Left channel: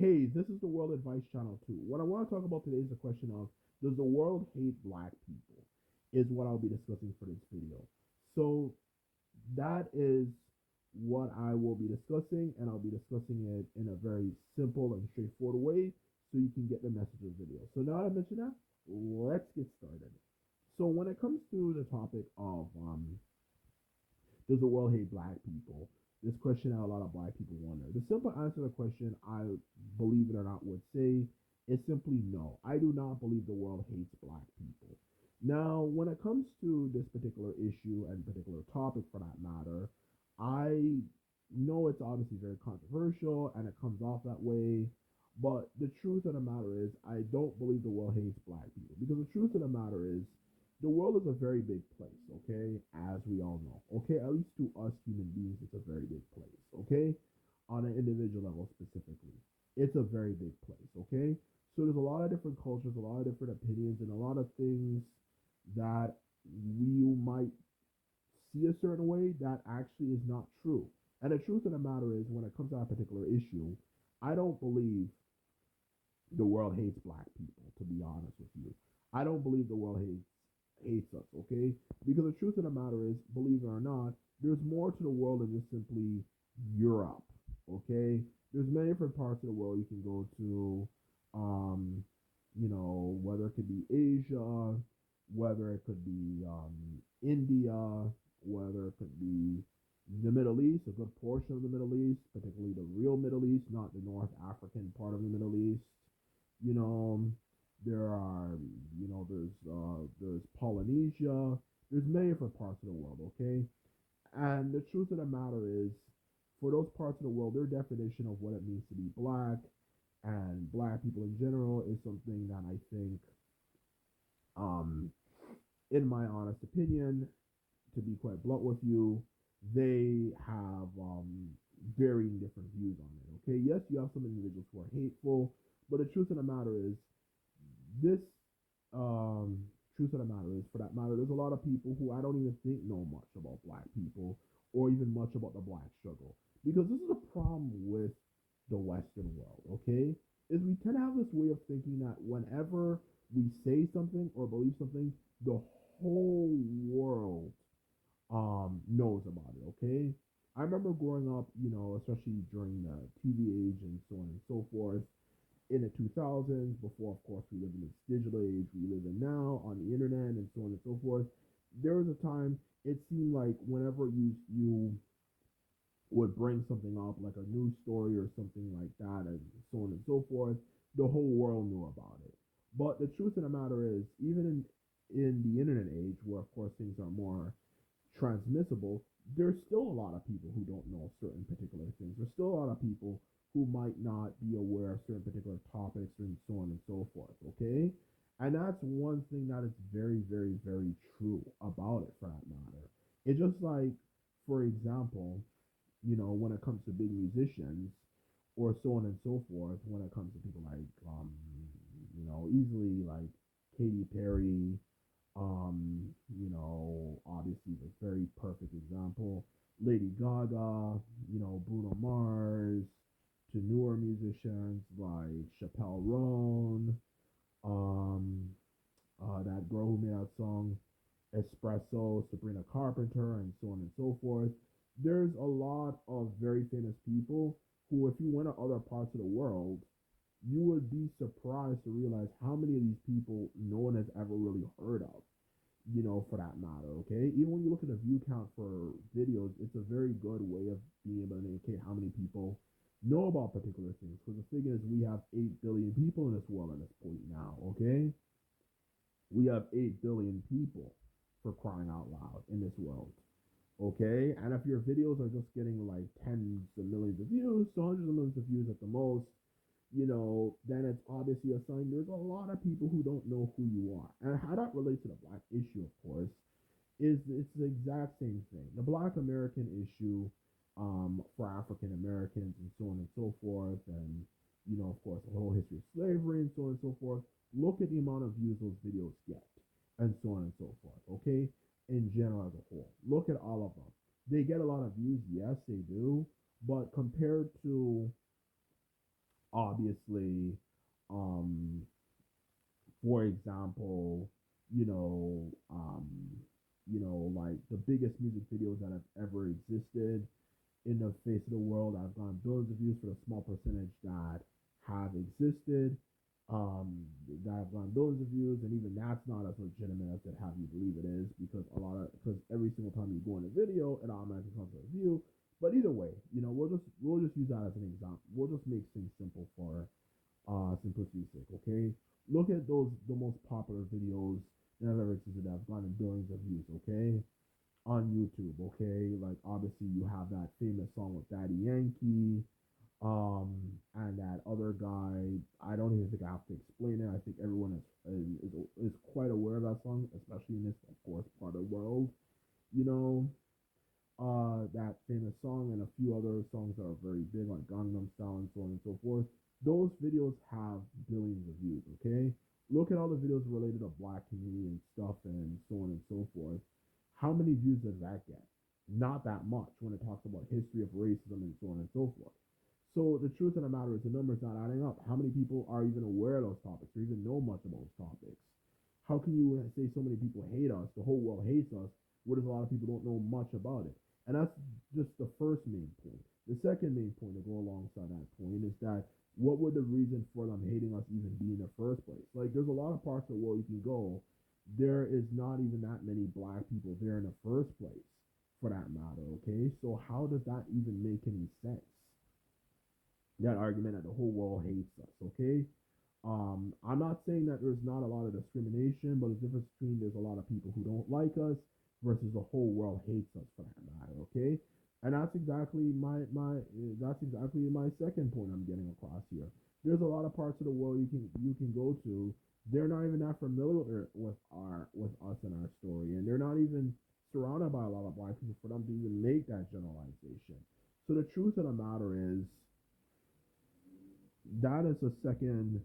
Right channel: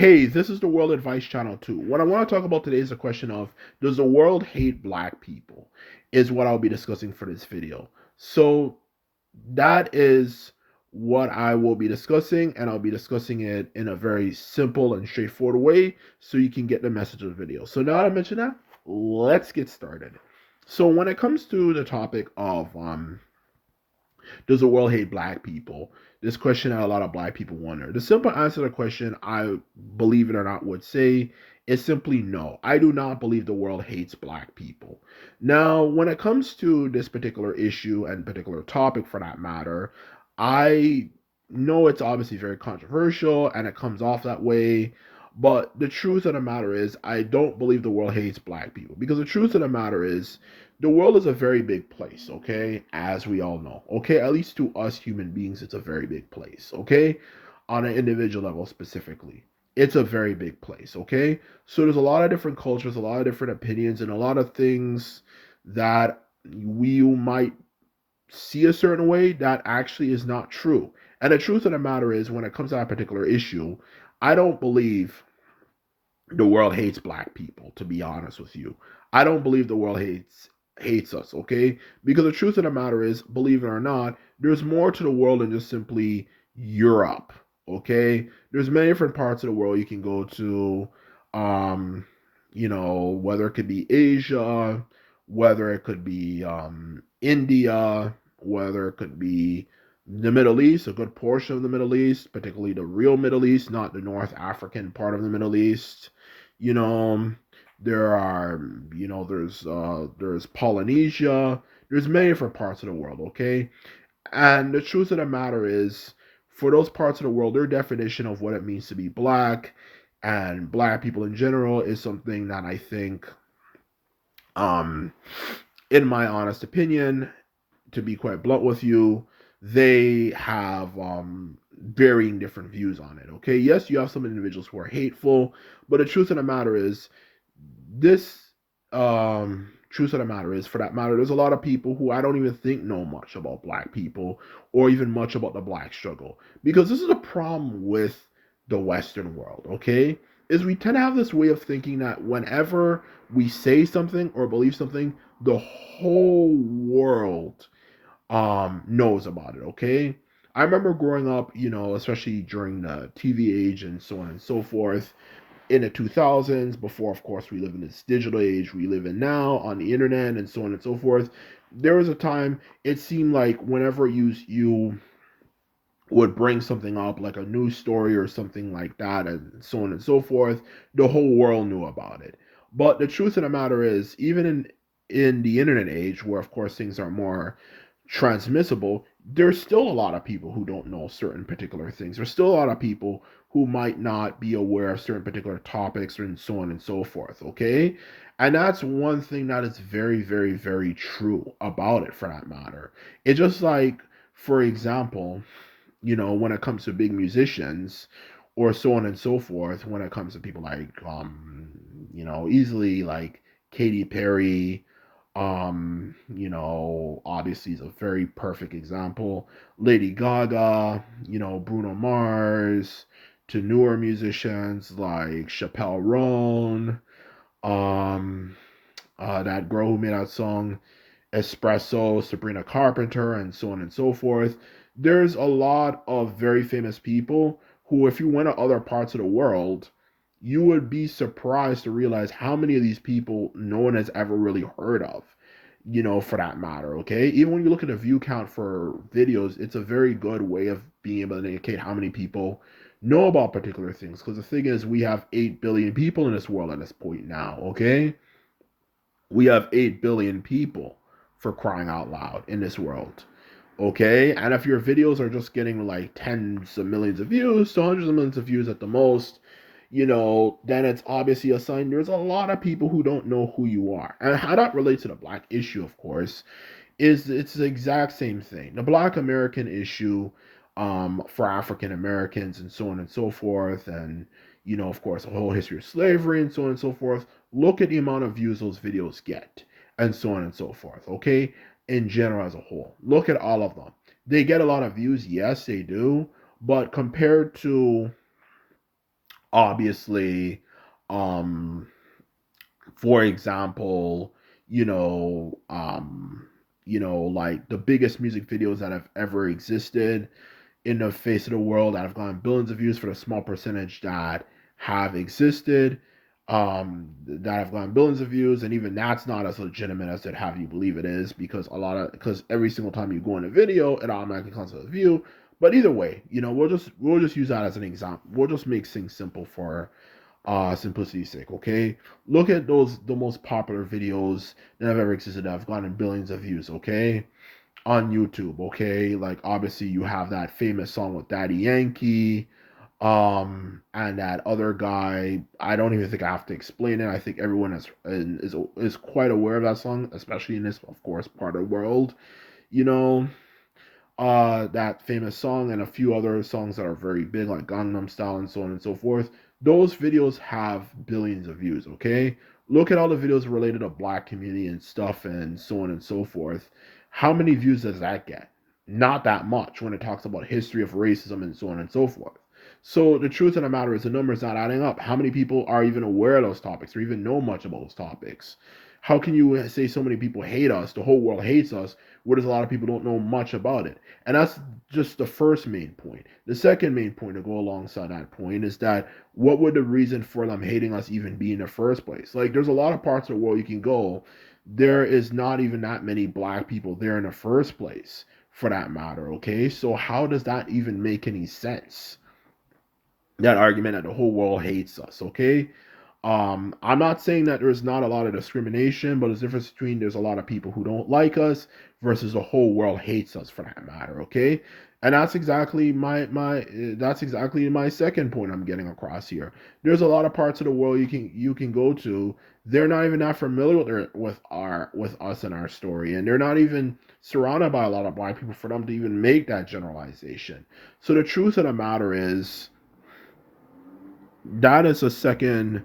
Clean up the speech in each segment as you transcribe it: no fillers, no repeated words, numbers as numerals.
Hey, this is the World Advice Channel too. What I want to talk about today is the question of, does the world hate black people? Is what I'll be discussing for this video. So that is what I will be discussing, and I'll be discussing it in a very simple and straightforward way so you can get the message of the video. So now that I mentioned that, let's get started. So when it comes to the topic of does the world hate black people? This question that a lot of black people wonder. The simple answer to the question, I believe it or not, would say is simply no. I do not believe the world hates black people. Now, when it comes to this particular issue and particular topic for that matter, I know it's obviously very controversial and it comes off that way. But the truth of the matter is, I don't believe the world hates black people because the truth of the matter is, the world is a very big place, okay? As we all know, okay? At least to us human beings, it's a very big place, okay? On an individual level specifically, it's a very big place, okay? So there's a lot of different cultures, a lot of different opinions, and a lot of things that we might see a certain way that actually is not true. And the truth of the matter is, when it comes to that particular issue, I don't believe the world hates black people, to be honest with you. I don't believe the world hates us, okay? Because the truth of the matter is, believe it or not, there's more to the world than just simply Europe, okay? There's many different parts of the world you can go to, um whether it could be Asia, whether it could be India, whether it could be the Middle East, a good portion of the Middle East, particularly the real Middle East, not the North African part of the Middle East. You know, there are, there's Polynesia. There's many different parts of the world, okay? And the truth of the matter is, for those parts of the world, their definition of what it means to be black and black people in general is something that I think, um, in my honest opinion, to be quite blunt with you, they have varying different views on it. Okay, yes, you have some individuals who are hateful, but the truth of the matter is, this truth of the matter is, for that matter, there's a lot of people who I don't even think know much about black people or even much about the black struggle, because this is a problem with the Western world. Okay, is we tend to have this way of thinking that whenever we say something or believe something, the whole world knows about it. Okay, I remember growing up, especially during the TV age and so on and so forth, in the 2000s, before, of course, we live in this digital age we live in now on the internet and so on and so forth. There was a time it seemed like whenever you would bring something up, like a news story or something like that, and so on and so forth, the whole world knew about it. But the truth of the matter is, even in the internet age, where of course things are more transmissible, there's still a lot of people who don't know certain particular things. There's still a lot of people who might not be aware of certain particular topics and so on and so forth, okay? And that's one thing that is very, very, very true about it, for that matter. It's just like, for example, when it comes to big musicians or so on and so forth, when it comes to people like, easily like Katy Perry, obviously is a very perfect example. Lady Gaga, Bruno Mars, to newer musicians like Chappelle Roan, um, that girl who made that song Espresso, Sabrina Carpenter, and so on and so forth. There's a lot of very famous people who, if you went to other parts of the world, you would be surprised to realize how many of these people no one has ever really heard of, for that matter, okay? Even when you look at the view count for videos, it's a very good way of being able to indicate how many people know about particular things. Because the thing is, we have 8 billion people in this world at this point now, okay? We have 8 billion people, for crying out loud, in this world. Okay? And if your videos are just getting like tens of millions of views to hundreds of millions of views at the most, then it's obviously a sign there's a lot of people who don't know who you are. And how that relates to the black issue, of course, is it's the exact same thing. The black American issue, for African Americans and so on and so forth, and of course, the whole history of slavery and so on and so forth. Look at the amount of views those videos get, and so on and so forth. Okay, in general as a whole, look at all of them. They get a lot of views, yes, they do, but compared to Obviously, um, for example, you know, like the biggest music videos that have ever existed in the face of the world that have gotten billions of views for the small percentage that have existed, that have gotten billions of views, and even that's not as legitimate as it have you believe it is, because because every single time you go in a video, it automatically counts as a view. But either way, we'll just use that as an example. We'll just make things simple for simplicity's sake. Okay, look at the most popular videos that have ever existed that have gotten billions of views. Okay, on YouTube, okay? Like obviously you have that famous song with Daddy Yankee, and that other guy. I don't even think I have to explain it. I think everyone is quite aware of that song, especially in this, of course, part of the world. You know, that famous song and a few other songs that are very big, like Gangnam Style and so on and so forth. Those videos have billions of views, okay? Look at all the videos related to black community and stuff and so on and so forth. How many views does that get? Not that much when it talks about history of racism and so on and so forth. So the truth of the matter is the numbers not adding up. How many people are even aware of those topics or even know much about those topics? How can you say so many people hate us, the whole world hates us, whereas a lot of people don't know much about it? And that's just the first main point. The second main point to go alongside that point is that what would the reason for them hating us even be in the first place? Like, there's a lot of parts of the world you can go. There is not even that many black people there in the first place, for that matter, okay? So, how does that even make any sense? That argument that the whole world hates us, okay? I'm not saying that there's not a lot of discrimination, but there's a difference between there's a lot of people who don't like us versus the whole world hates us for that matter, okay? And that's exactly my second point I'm getting across here. There's a lot of parts of the world you can go to. They're not even that familiar with us and our story, and they're not even surrounded by a lot of black people for them to even make that generalization. So the truth of the matter is that is a second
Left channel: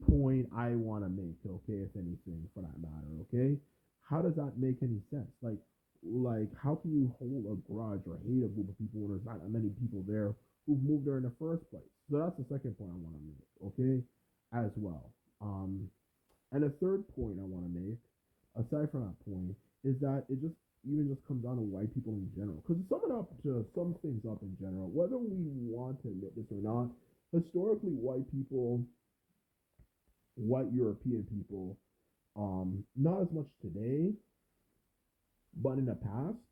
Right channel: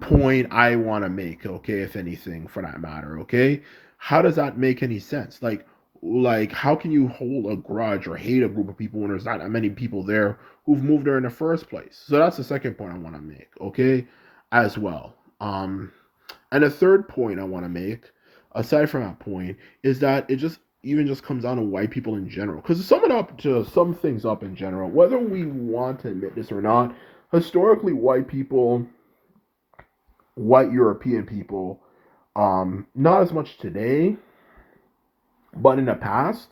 point I want to make, okay, if anything, for that matter, okay? How does that make any sense? Like how can you hold a grudge or hate a group of people when there's not that many people there who've moved there in the first place? So that's the second point I want to make, okay, as well. And the third point I want to make, aside from that point, is that it just comes down to white people in general. Because to sum it up, to sum things up in general, whether we want to admit this or not, historically, white European people, not as much today, but in the past,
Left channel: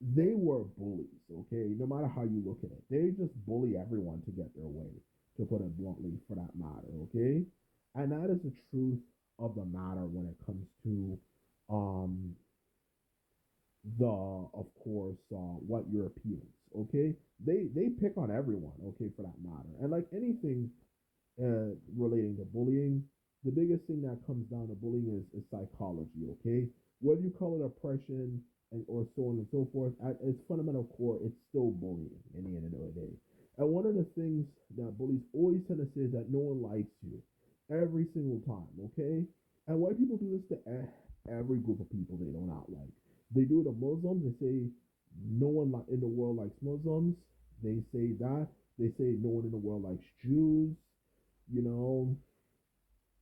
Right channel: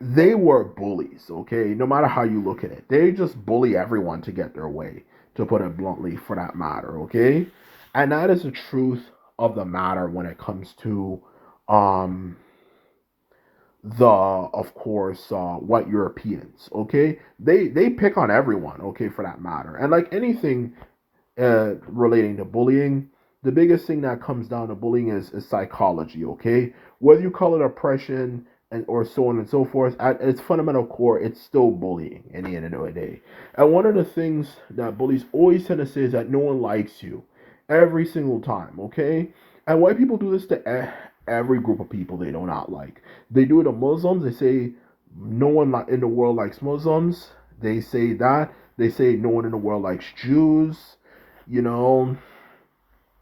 they were bullies, okay? No matter how you look at it, they just bully everyone to get their way, to put it bluntly, for that matter, okay? And that is the truth of the matter when it comes to um, of course, white Europeans, okay? They pick on everyone, okay, for that matter. And like anything relating to bullying, the biggest thing that comes down to bullying is psychology, okay? Whether you call it oppression and or so on and so forth, at its fundamental core, it's still bullying in the end of the day. And one of the things that bullies always tend to say is that no one likes you every single time, okay? And white people do this to every group of people they do not like. They do it to Muslims. They say no one in the world likes Muslims. They say that. They say no one in the world likes Jews. You know,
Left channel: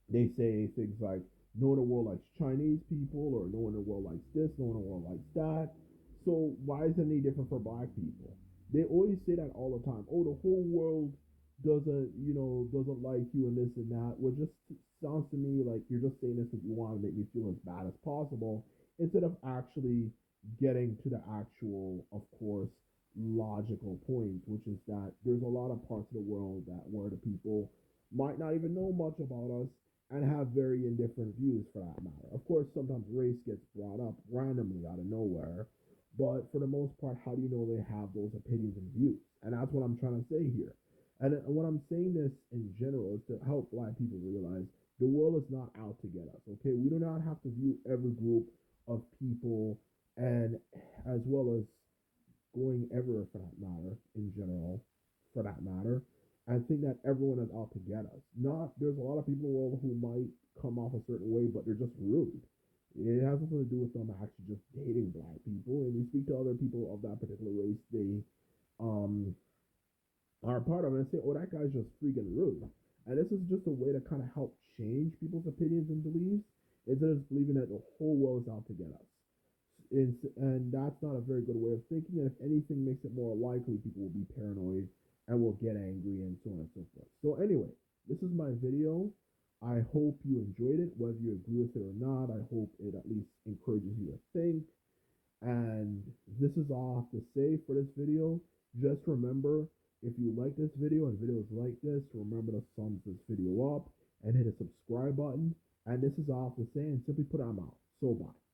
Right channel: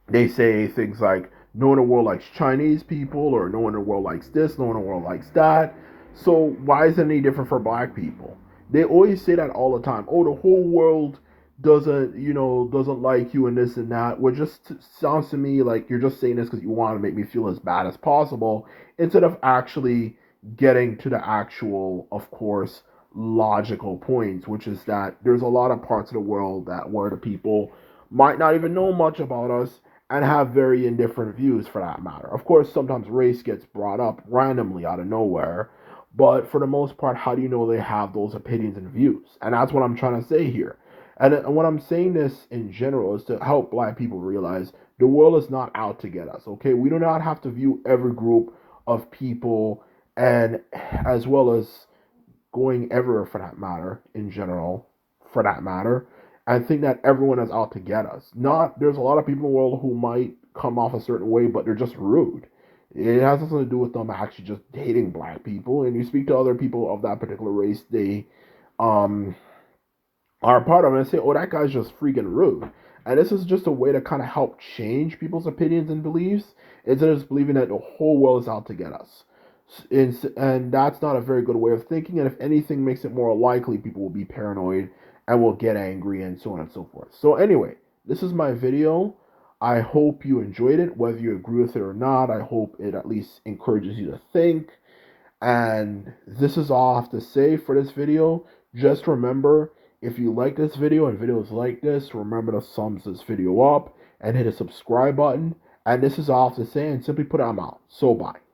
they say things like no one in the world likes Chinese people, or no one in the world likes this, no one in the world likes that. So why is it any different for black people? They always say that all the time. Oh, the whole world doesn't like you and this and that. Which just sounds to me like you're just saying this because you want to make me feel as bad as possible, instead of actually getting to the actual, of course, logical points, which is that there's a lot of parts of the world that where the people might not even know much about us and have very indifferent views for that matter. Of course, sometimes race gets brought up randomly out of nowhere, but for the most part, how do you know they have those opinions and views? And that's what I'm trying to say here. And when I'm saying this in general is to help black people realize the world is not out to get us, okay? We do not have to view every group of people and as well as going everywhere for that matter, in general, for that matter, and think that everyone is out to get us. Not there's a lot of people in the world who might come off a certain way, but they're just rude. It has nothing to do with them actually just hating black people. And you speak to other people of that particular race, um are a part of it and say, oh, that guy's just freaking rude. And this is just a way to kind of help change people's opinions and beliefs instead of just believing that the whole world is out to get us. And that's not a very good way of thinking. And if anything, makes it more likely people will be paranoid and will get angry and so on and so forth. So, anyway, this is my video. I hope you enjoyed it, whether you agree with it or not. I hope it at least encourages you to think. And this is all I have to say for this video. Just remember, if you like this video and videos like this, remember to thumbs this video up and hit a subscribe button. And this is all I have to say, and simply put, I'm out. So bye.